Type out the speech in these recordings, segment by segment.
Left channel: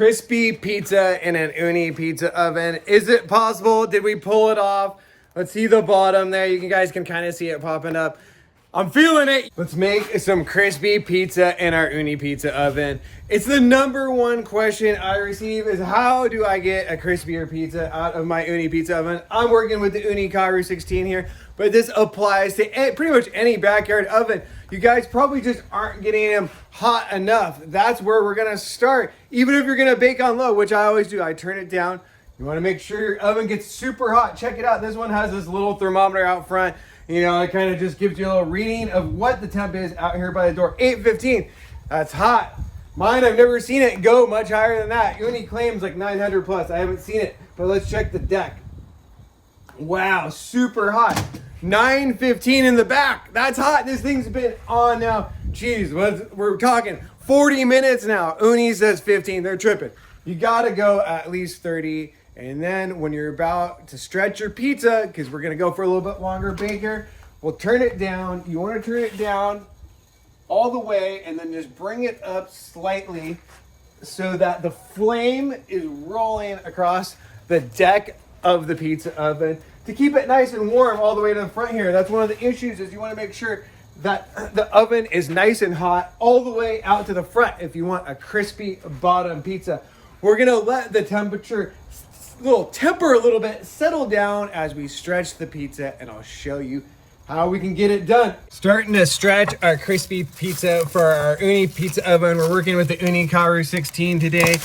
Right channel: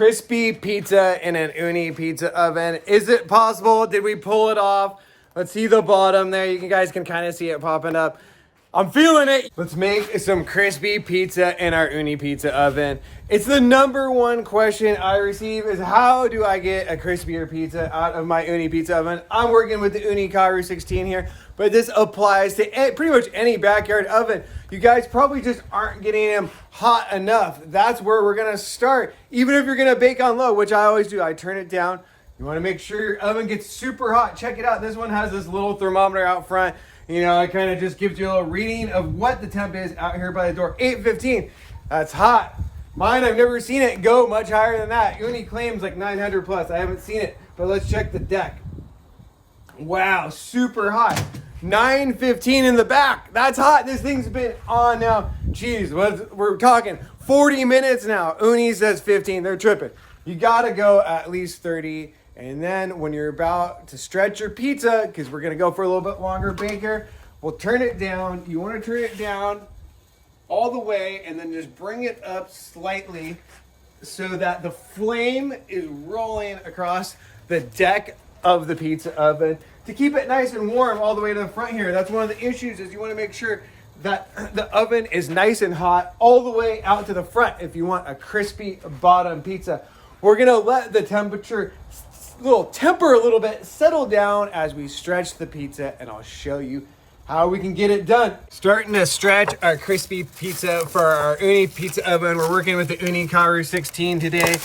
Crispy pizza in an Ooni Pizza Oven. Is it possible? Did we pull it off? Let's see the bottom there. You guys can kind of see it popping up. I'm feeling it. Let's make some crispy pizza in our Ooni Pizza Oven. It's the number one question I receive is how do I get a crispier pizza out of my Ooni Pizza Oven? I'm working with the Ooni Karu 16 here, but this applies to pretty much any backyard oven. You guys probably just aren't getting them hot enough. That's where we're gonna start. Even if you're gonna bake on low, which I always do, I turn it down. You wanna make sure your oven gets super hot. Check it out, this one has this little thermometer out front. You know, it kind of just gives you a little reading of what the temp is out here by the door. 815, that's hot. Mine, I've never seen it go much higher than that. Ooni claims like 900 plus, I haven't seen it, but let's check the deck. Wow, super hot. 915 in the back. That's hot. This thing's been on now. Geez, we're talking 40 minutes now. Ooni says 15. They're tripping. You got to go at least 30. And then when you're about to stretch your pizza, because we're going to go for a little bit longer baker, we'll turn it down. You want to turn it down all the way and then just bring it up slightly so that the flame is rolling across the deck of the pizza oven to keep it nice and warm all the way to the front here. That's one of the issues is you want to make sure that the oven is nice and hot all the way out to the front if you want a crispy bottom pizza. We're gonna let the temperature temper a little bit, settle down as we stretch the pizza, and I'll show you how we can get it done. Starting to stretch our crispy pizza for our Ooni Pizza Oven. We're working with the Ooni Karu 16 today.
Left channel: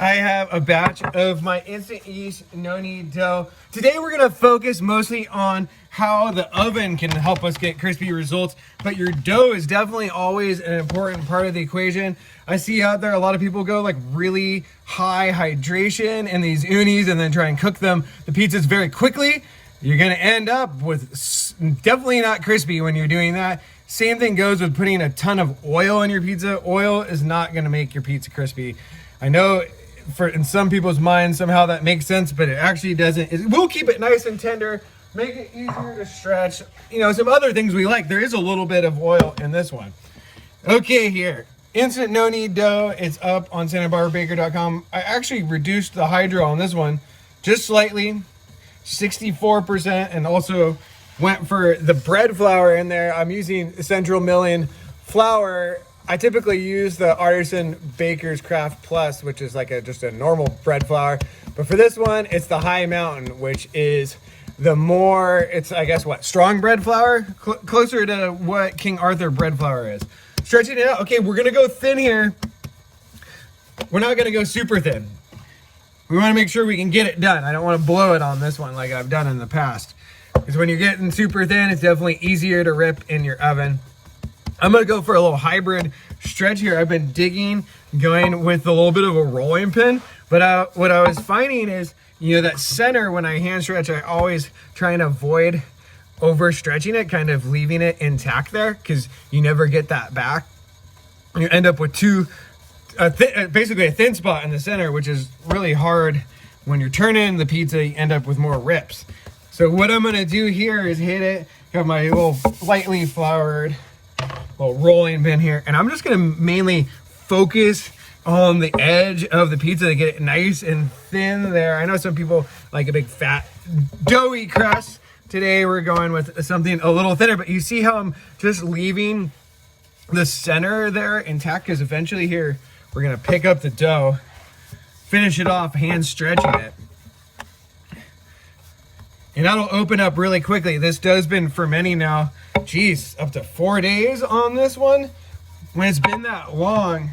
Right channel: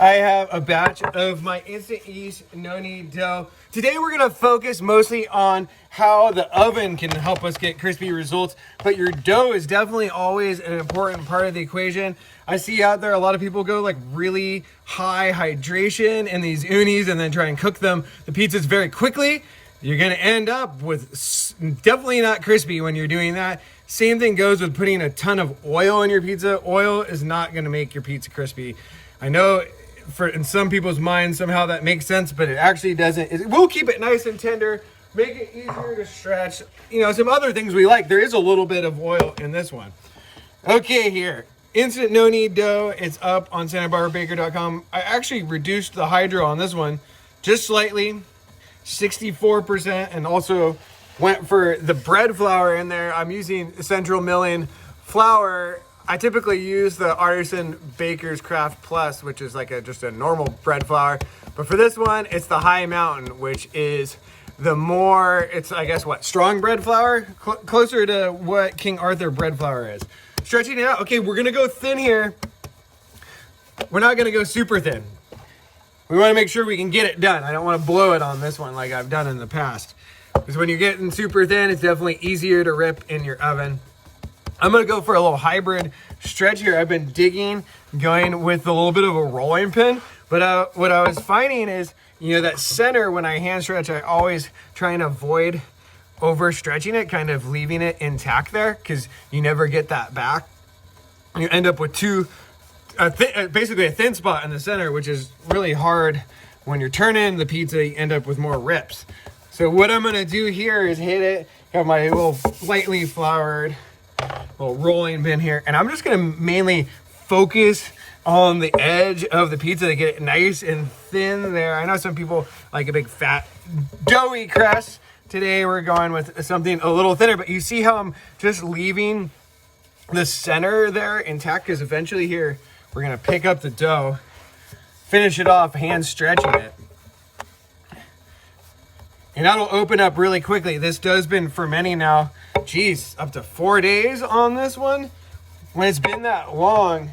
I have a batch of my instant yeast noni dough. Today we're gonna focus mostly on how the oven can help us get crispy results, but your dough is definitely always an important part of the equation. I see out there a lot of people go like really high hydration in these Oonis and then try and cook them, the pizzas very quickly. You're gonna end up with definitely not crispy when you're doing that. Same thing goes with putting a ton of oil in your pizza. Oil is not gonna make your pizza crispy. I know in some people's minds somehow that makes sense, but it actually doesn't. It will keep it nice and tender, make it easier to stretch. You know, some other things we like. There is a little bit of oil in this one. Okay, here. Instant no knead dough. It's up on SantaBarbaraBaker.com. I actually reduced the hydro on this one just slightly, 64%, and also went for the bread flour in there. I'm using Central Milling flour. I typically use the Artisan Baker's Craft Plus, which is like just a normal bread flour. But for this one, it's the High Mountain, which is the more, it's I guess what, strong bread flour? Closer to what King Arthur bread flour is. Stretching it out. Okay, we're gonna go thin here. We're not gonna go super thin. We wanna make sure we can get it done. I don't wanna blow it on this one like I've done in the past. Because when you're getting super thin, it's definitely easier to rip in your oven. I'm gonna go for a little hybrid stretch here. I've been digging, going with a little bit of a rolling pin, but what I was finding is, you know, that center, when I hand stretch, I always try and avoid over stretching it, kind of leaving it intact there, because you never get that back. You end up with basically a thin spot in the center, which is really hard when you're turning the pizza. You end up with more rips. So what I'm gonna do here is hit it, have my little lightly floured little rolling pin here, and I'm just gonna mainly focus on the edge of the pizza to get it nice and thin there. I know some people like a big fat doughy crust. Today we're going with something a little thinner, but you see how I'm just leaving the center there intact, because eventually here we're gonna pick up the dough, finish it off, hand stretching it. And that'll open up really quickly. This dough's been fermenting now, geez, up to 4 days on this one. When it's been that long,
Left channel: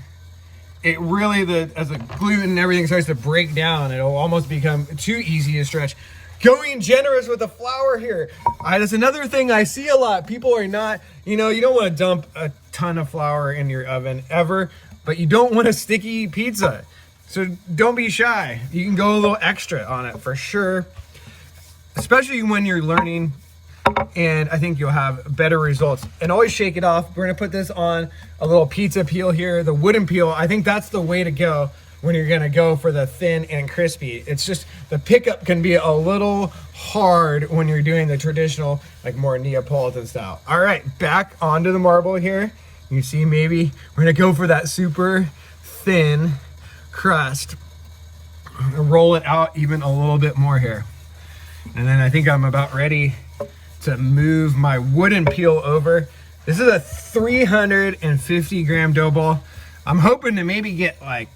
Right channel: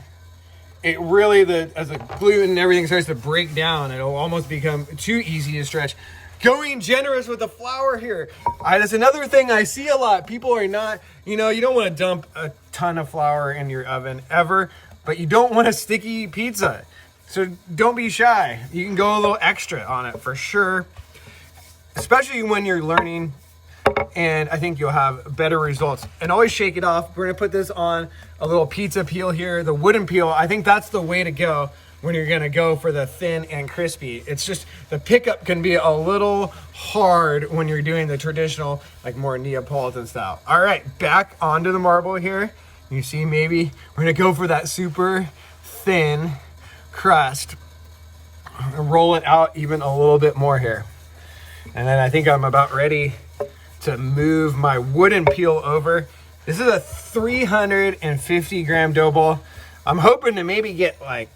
it really, as the gluten and everything starts to break down, it'll almost become too easy to stretch. Going generous with the flour here. That's another thing I see a lot. People are not, you know, you don't want to dump a ton of flour in your oven ever, but you don't want a sticky pizza. So don't be shy. You can go a little extra on it for sure, especially when you're learning, and I think you'll have better results. And always shake it off. We're gonna put this on a little pizza peel here, the wooden peel. I think that's the way to go when you're gonna go for the thin and crispy. It's just, the pickup can be a little hard when you're doing the traditional, like more Neapolitan style. All right, back onto the marble here. You see, maybe we're gonna go for that super thin crust. roll it out even a little bit more here. And then I think I'm about ready to move my wooden peel over. This is a 350 gram dough ball. I'm hoping to maybe get like,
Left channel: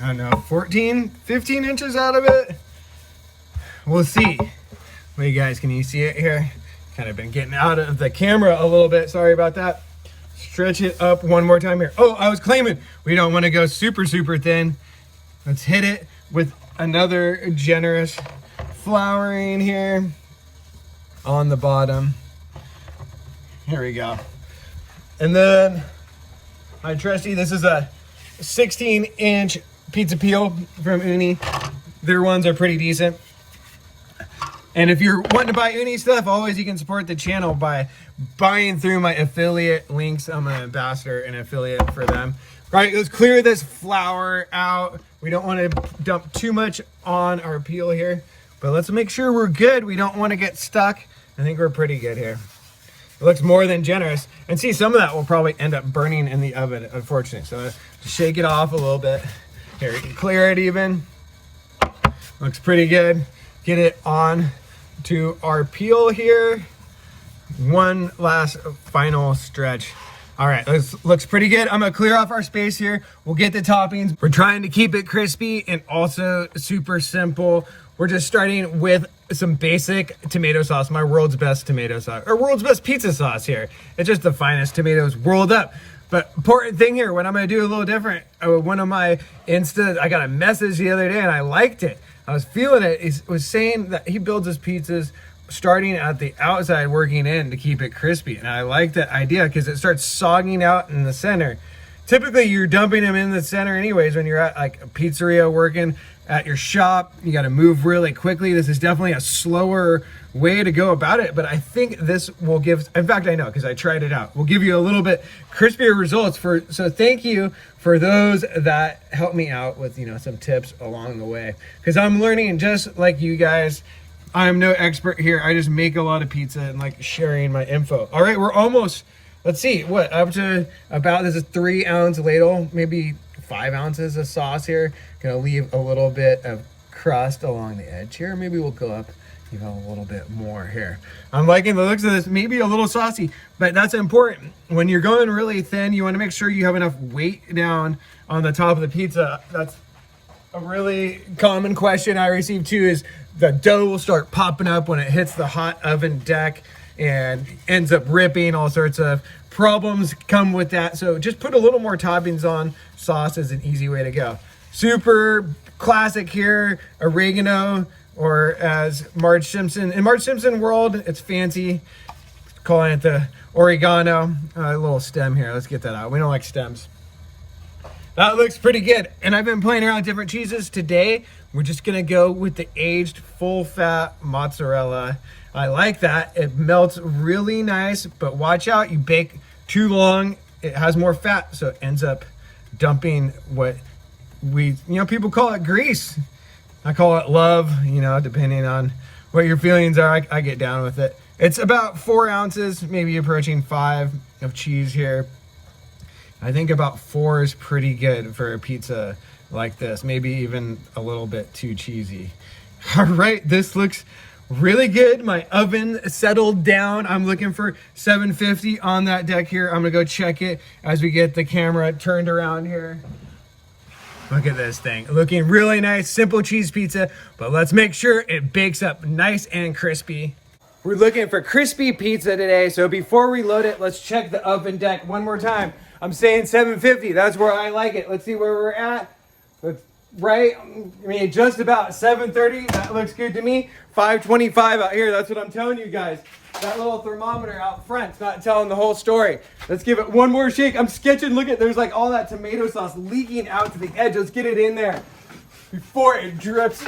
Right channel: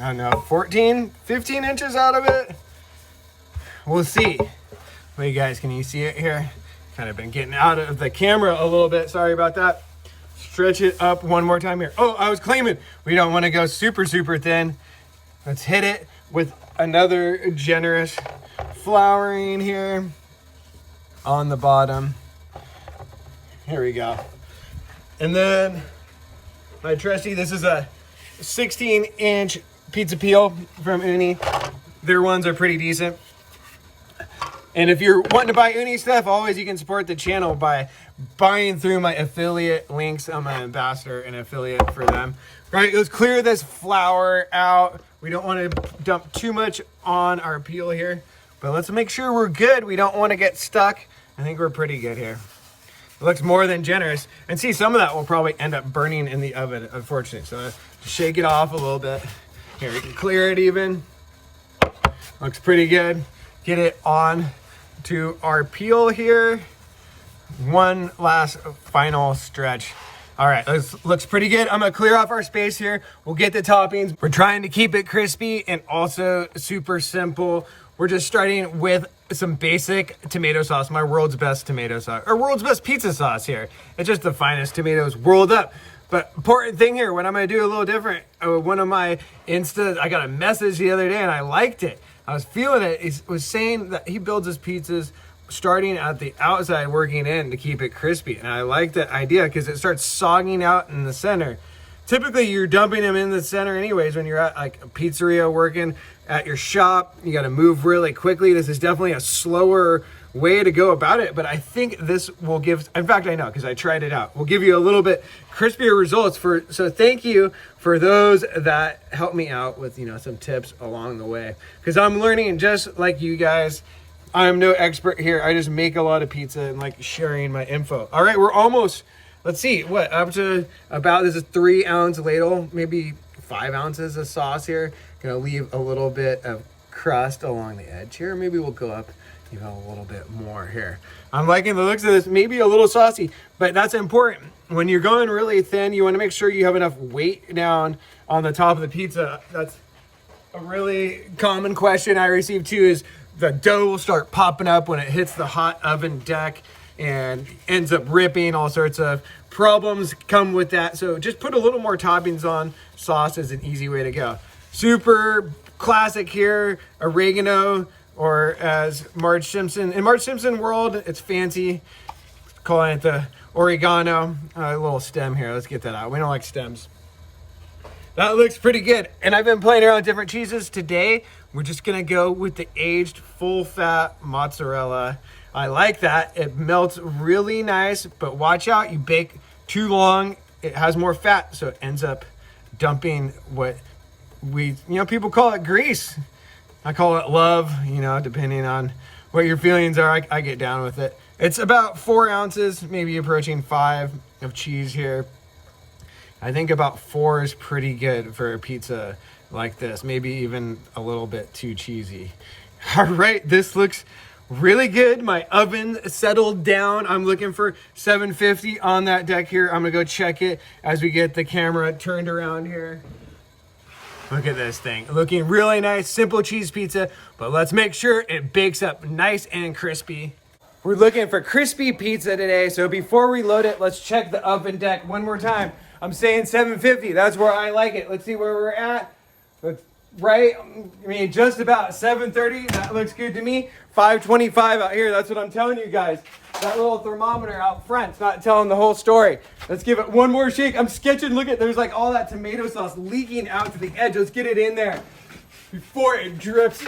I don't know, 14, 15 inches out of it. We'll see. Well, you guys, can you see it here? Kind of been getting out of the camera a little bit. Sorry about that. Stretch it up one more time here. Oh, I was claiming we don't want to go super, super thin. Let's hit it with another generous flouring here on the bottom. Here we go. And then my trusty, this is a 16-inch pizza peel from Ooni. Their ones are pretty decent. And if you're wanting to buy Ooni stuff, always you can support the channel by buying through my affiliate links. I'm an ambassador and affiliate for them. Right, let's clear this flour out. We don't want to dump too much on our peel here, but let's make sure we're good. We don't want to get stuck. I think we're pretty good here. It looks more than generous. And see, some of that will probably end up burning in the oven, unfortunately. So shake it off a little bit. Here, you can clear it even. Looks pretty good. Get it on to our peel here. One last final stretch. All right, this looks pretty good. I'm gonna clear off our space here. We'll get the toppings. We're trying to keep it crispy and also super simple. We're just starting with some basic tomato sauce, my world's best tomato sauce, or world's best pizza sauce here. It's just the finest tomatoes rolled up. But important thing here, what I'm gonna do a little different, one of my I got a message the other day and I liked it. I was feeling it. He was saying that he builds his pizzas starting at the outside, working in to keep it crispy. And I like that idea because it starts sogging out in the center. Typically, you're dumping them in the center anyways when you're at like a pizzeria working at your shop. You got to move really quickly. This is definitely a slower way to go about it, but I think this will give, in fact, I know because I tried it out, will give you a little bit crispier results. So thank you for those that helped me out with, some tips along the way, because I'm learning, and just like you guys, I'm no expert here. I just make a lot of pizza and like sharing my info. All right, we're almost, let's see, up to about, this is 3 ounce ladle, maybe 5 ounces of sauce here. Gonna leave a little bit of crust along the edge here. Maybe we'll go up a little bit more here. I'm liking the looks of this, maybe a little saucy, but that's important. When you're going really thin, you want to make sure you have enough weight down on the top of the pizza. That's a really common question I receive too, is the dough will start popping up when it hits the hot oven deck and ends up ripping. All sorts of problems come with that. So just put a little more toppings on. Sauce is an easy way to go. Super classic here, oregano, or as Marge Simpson, in Marge Simpson world, it's fancy, calling it the oregano. A little stem here, let's get that out. We don't like stems. That looks pretty good. And I've been playing around with different cheeses. Today, we're just gonna go with the aged full fat mozzarella. I like that, it melts really nice, but watch out, you bake too long, it has more fat, so it ends up dumping what people call it grease. I call it love, depending on what your feelings are. I get down with it. It's about 4 ounces, maybe approaching 5 of cheese here. I think about 4 is pretty good for a pizza like this. Maybe even a little bit too cheesy. All right, this looks really good. My oven settled down. I'm looking for 750 on that deck here. I'm gonna go check it as we get the camera turned around here. Look at this thing, looking really nice, simple cheese pizza, but let's make sure it bakes up nice and crispy. We're looking for crispy pizza today, so before we load it, let's check the oven deck one more time. I'm saying 750, that's where I like it. Let's see where we're at. Right, just about 730, that looks good to me. 525 out here, that's what I'm telling you guys. That little thermometer out front's not telling the whole story. Let's give it one more shake. I'm sketching, look at, there's like all that tomato sauce leaking out to the edge. Let's get it in there before it drips.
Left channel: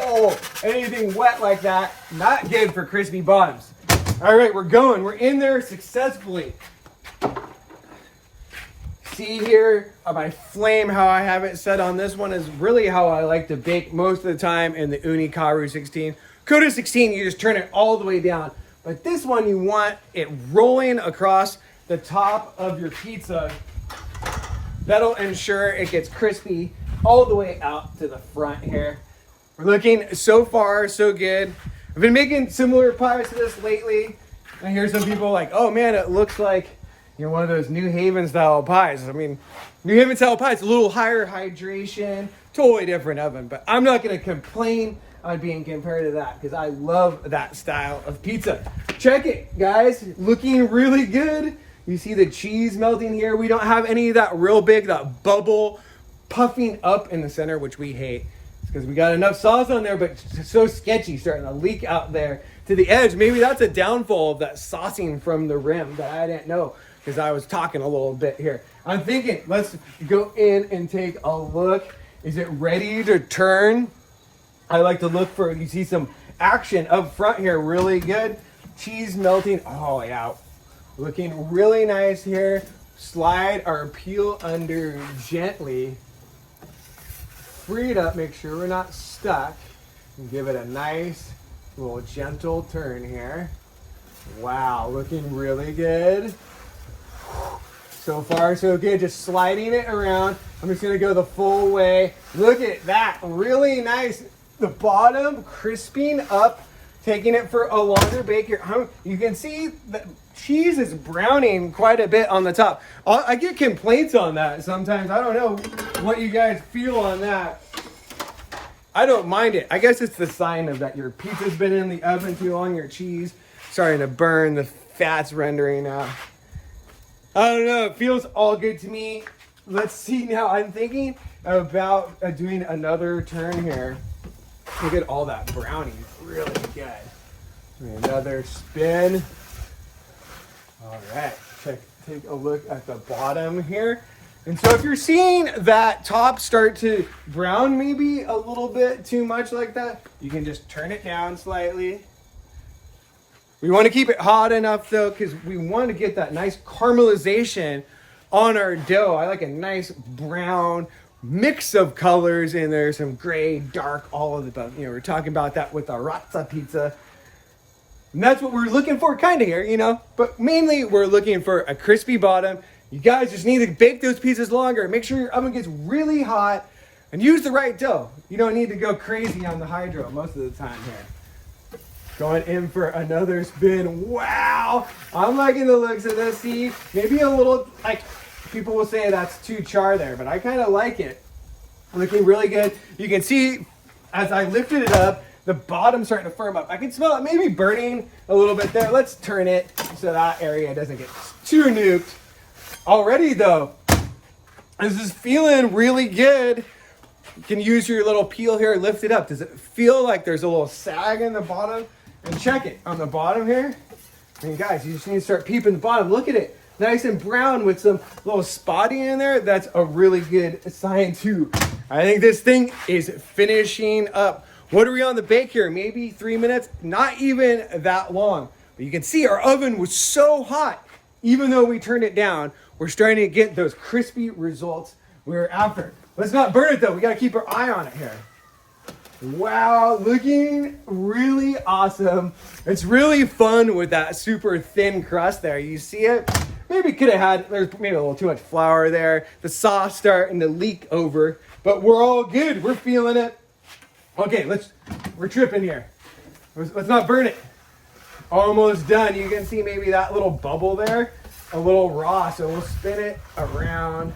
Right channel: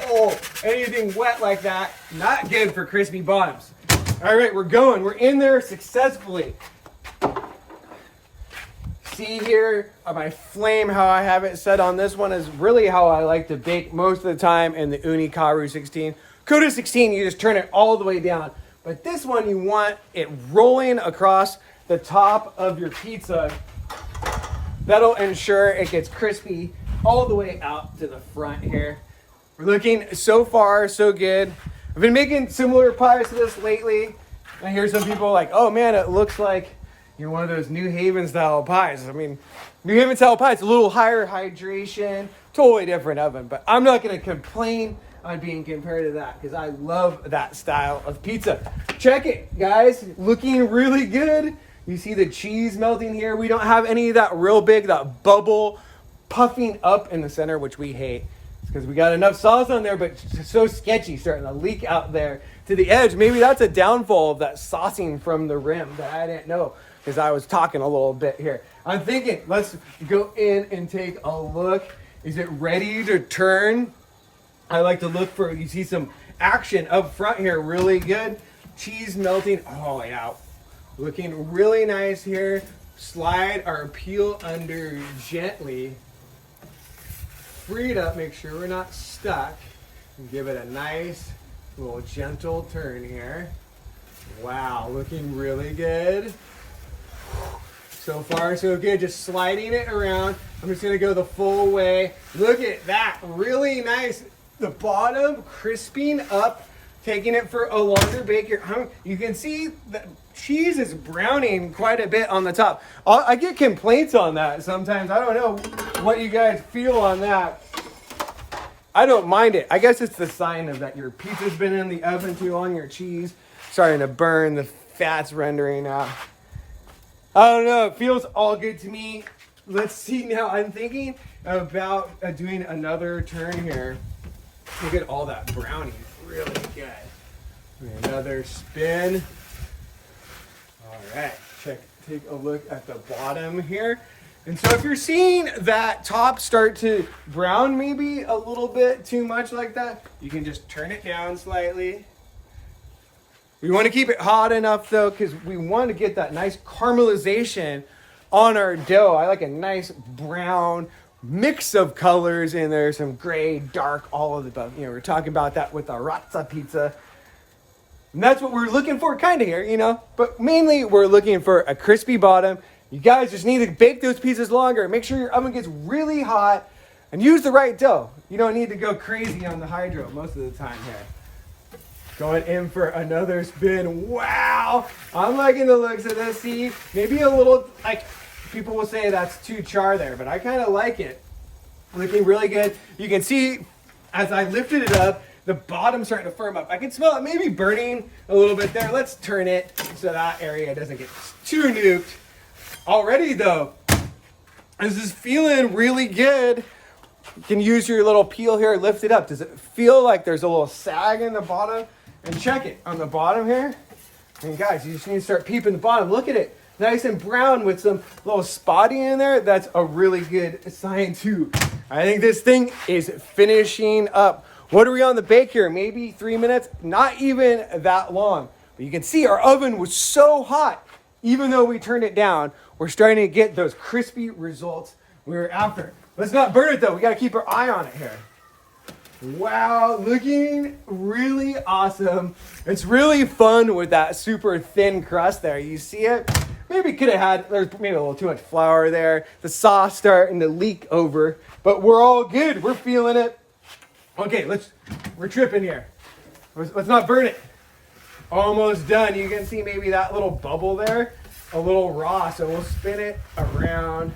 Oh, anything wet like that, not good for crispy bottoms. All right, we're in there successfully. See here, my flame, how I have it set on this one is really how I like to bake most of the time in the Ooni Karu 16. Kudu 16, you just turn it all the way down. But this one, you want it rolling across the top of your pizza. That'll ensure it gets crispy all the way out to the front here. We're looking so far so good. I've been making similar pies to this lately. I hear some people like, oh man, it looks like one of those New Haven style pies. I mean, New Haven style pie, it's a little higher hydration, totally different oven, but I'm not gonna complain on being compared to that because I love that style of pizza. Check it, guys, looking really good. You see the cheese melting here. We don't have any of that real big, that bubble puffing up in the center, which we hate. It's because we got enough sauce on there, but it's so sketchy, starting to leak out there to the edge. Maybe that's a downfall of that saucing from the rim that I didn't know because I was talking a little bit here. I'm thinking, let's go in and take a look. Is it ready to turn? I like to look for, you see some action up front here, really good. Cheese melting, oh yeah. Looking really nice here. Slide our peel under gently. Free it up, make sure we're not stuck. And give it a nice little gentle turn here. Wow, looking really good. So far, so good. Just sliding it around. I'm just gonna go the full way. Look at that, really nice. The bottom crisping up, taking it for a longer bake here. You can see the cheese is browning quite a bit on the top. I get complaints on that sometimes. I don't know what you guys feel on that. I don't mind it. I guess it's the sign of that your pizza's been in the oven too long, your cheese starting to burn, the fat's rendering out. I don't know, it feels all good to me. Let's see now, I'm thinking about doing another turn here. Look at all that browning, really good. Another spin. All right, take a look at the bottom here. And so if you're seeing that top start to brown maybe a little bit too much like that, you can just turn it down slightly. We want to keep it hot enough though, because we want to get that nice caramelization on our dough. I like a nice brown mix of colors in there, some gray, dark, all of the above. We're talking about that with our razza pizza. And that's what we're looking for kind of here, but mainly we're looking for a crispy bottom. You guys just need to bake those pizzas longer. Make sure your oven gets really hot and use the right dough. You don't need to go crazy on the hydro most of the time here. Going in for another spin. Wow, I'm liking the looks of this. See, maybe a little, like, people will say that's too char there, but I kind of like it. Looking really good. You can see as I lifted it up, the bottom's starting to firm up. I can smell it maybe burning a little bit there. Let's turn it so that area doesn't get too nuked. Already though, this is feeling really good. You can use your little peel here, lift it up. Does it feel like there's a little sag in the bottom? And check it on the bottom here. And guys, you just need to start peeping the bottom. Look at it. Nice and brown with some little spotty in there. That's a really good sign too. I think this thing is finishing up. What are we on the bake here? Maybe 3 minutes? Not even that long. But you can see our oven was so hot. Even though we turned it down, we're starting to get those crispy results we were after. Let's not burn it though. We got to keep our eye on it here. Wow, looking really awesome. It's really fun with that super thin crust there. You see it? Maybe could have had, there's maybe a little too much flour there. The sauce starting to leak over, but we're all good. We're feeling it. Okay, we're tripping here. Let's not burn it. Almost done. You can see maybe that little bubble there, a little raw. So we'll spin it around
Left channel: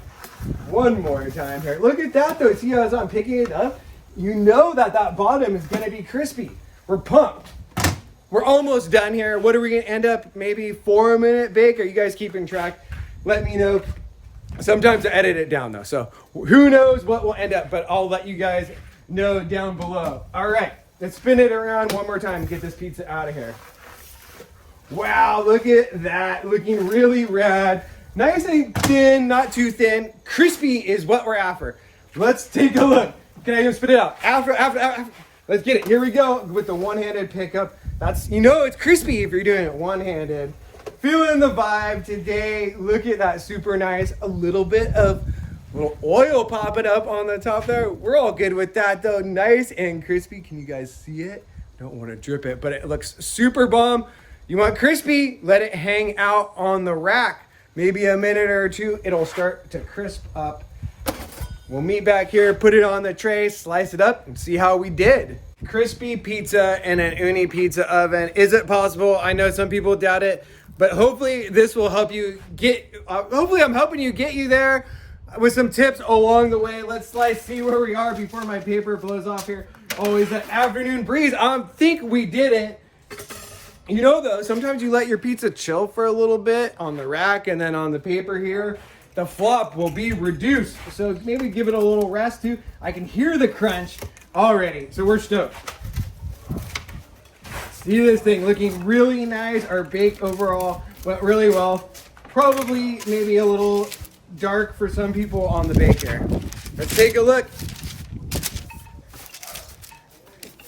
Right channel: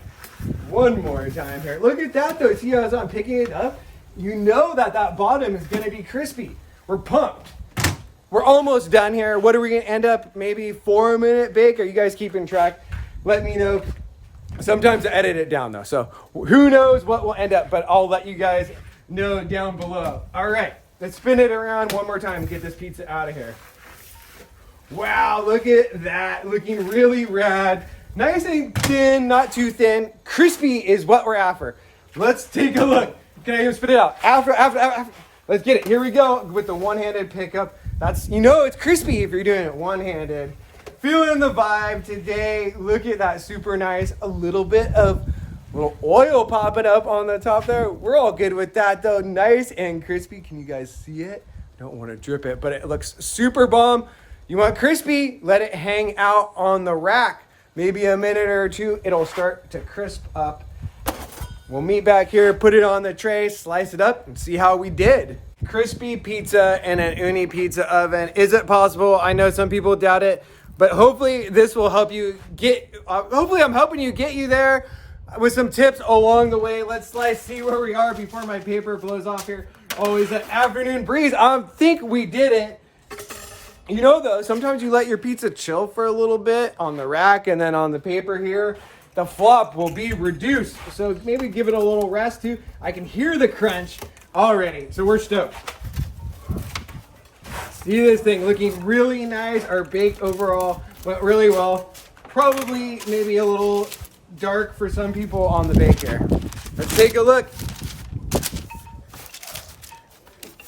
one more time here. Look at that though. See how I'm picking it up? You know that bottom is going to be crispy. We're pumped. We're almost done here. What are we going to end up? Maybe 4-minute bake? Are you guys keeping track? Let me know. Sometimes I edit it down though. So who knows what will end up, but I'll let you guys know down below. All right, let's spin it around one more time and get this pizza out of here. Wow, look at that. Looking really rad. Nice and thin, not too thin. Crispy is what we're after. Let's take a look. Can I even spit it out? After. Let's get it. Here we go with the one-handed pickup. That's, it's crispy if you're doing it one-handed. Feeling the vibe today. Look at that, super nice. A little bit of little oil popping up on the top there. We're all good with that though. Nice and crispy. Can you guys see it? Don't want to drip it, but it looks super bomb. You want crispy? Let it hang out on the rack. Maybe a minute or two, it'll start to crisp up. We'll meet back here, put it on the tray, slice it up, and see how we did. Crispy pizza in an Ooni Pizza Oven. Is it possible? I know some people doubt it, but hopefully this will help you get, hopefully I'm helping you get you there with some tips along the way. Let's see where we are before my paper blows off here. Always that afternoon breeze. I think we did it. You know though, sometimes you let your pizza chill for a little bit on the rack and then on the paper here, the flop will be reduced. So maybe give it a little rest too. I can hear the crunch already, so we're stoked. See this thing looking really nice. Our bake overall went really well. Probably maybe a little dark for some people on the bake here. Let's take a look.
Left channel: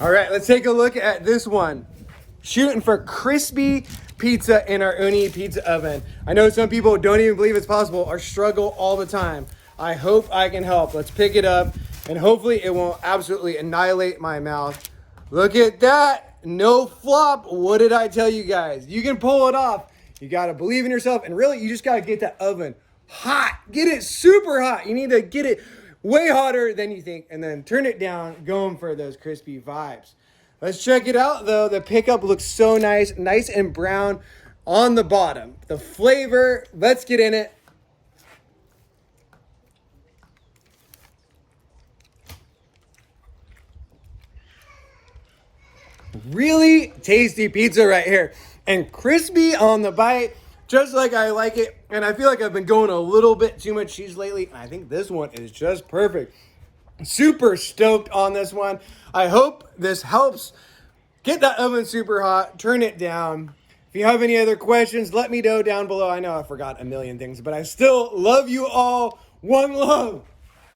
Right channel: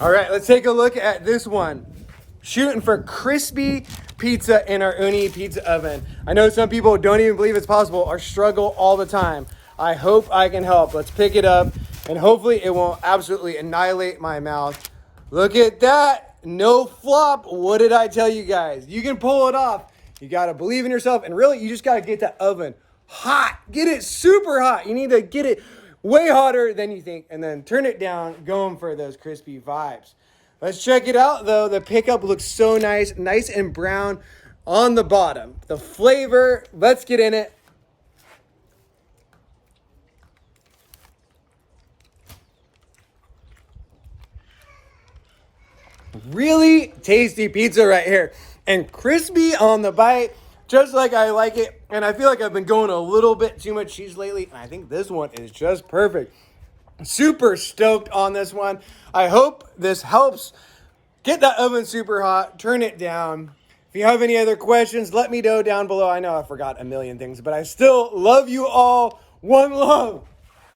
All right, let's take a look at this one. Shooting for crispy pizza in our Ooni Pizza Oven. I know some people don't even believe it's possible or struggle all the time. I hope I can help. Let's pick it up and hopefully it won't absolutely annihilate my mouth. Look at that. No flop. What did I tell you guys? You can pull it off. You got to believe in yourself, and really you just got to get that oven hot. Get it super hot. You need to get it way hotter than you think and then turn it down, going for those crispy vibes. Let's check it out though. The pickup looks so nice, nice and brown on the bottom. The flavor, let's get in it. Really tasty pizza right here. And crispy on the bite, just like I like it. And I feel like I've been going a little bit too much cheese lately. I think this one is just perfect. Super stoked on this one. I hope this helps. Get that oven super hot, turn it down. If you have any other questions, let me know down below. I know I forgot a million things, but I still love you all. One love.